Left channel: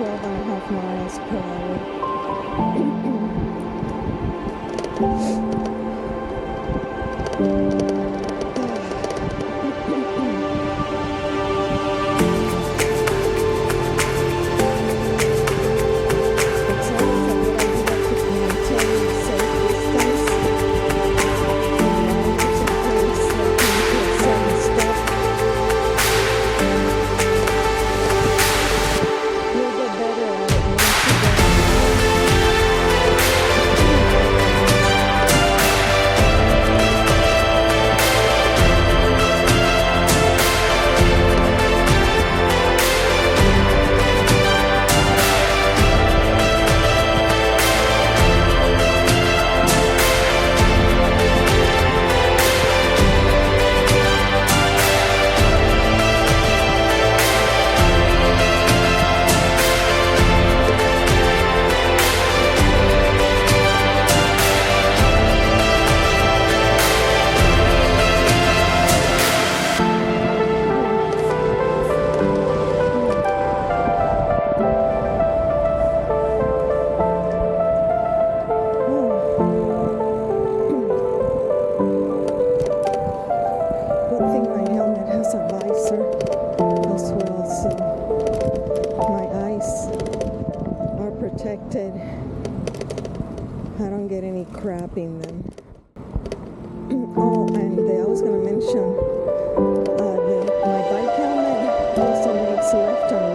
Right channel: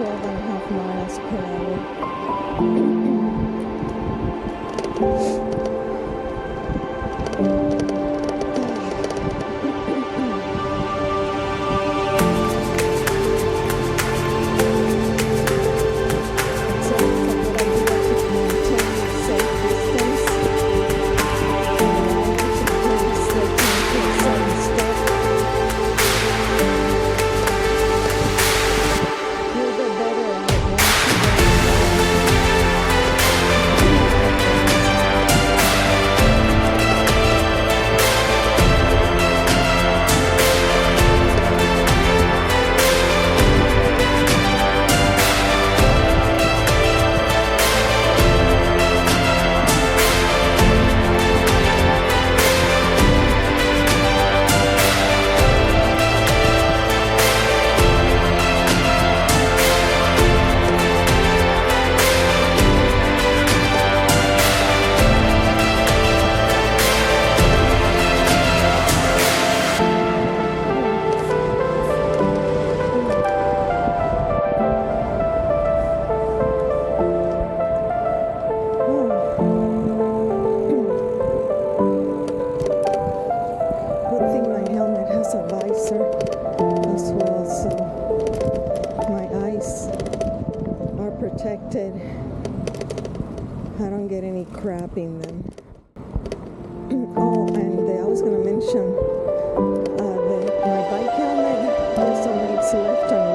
12 and a half miles per hour. It's always a good idea to maintain a safe distance from riders in case they come to a sudden stop. You'll get better at it once you get as well, so my eyes are protected. I don't get any crap in them. Oh, and I was going to mention my bike helmet also makes left and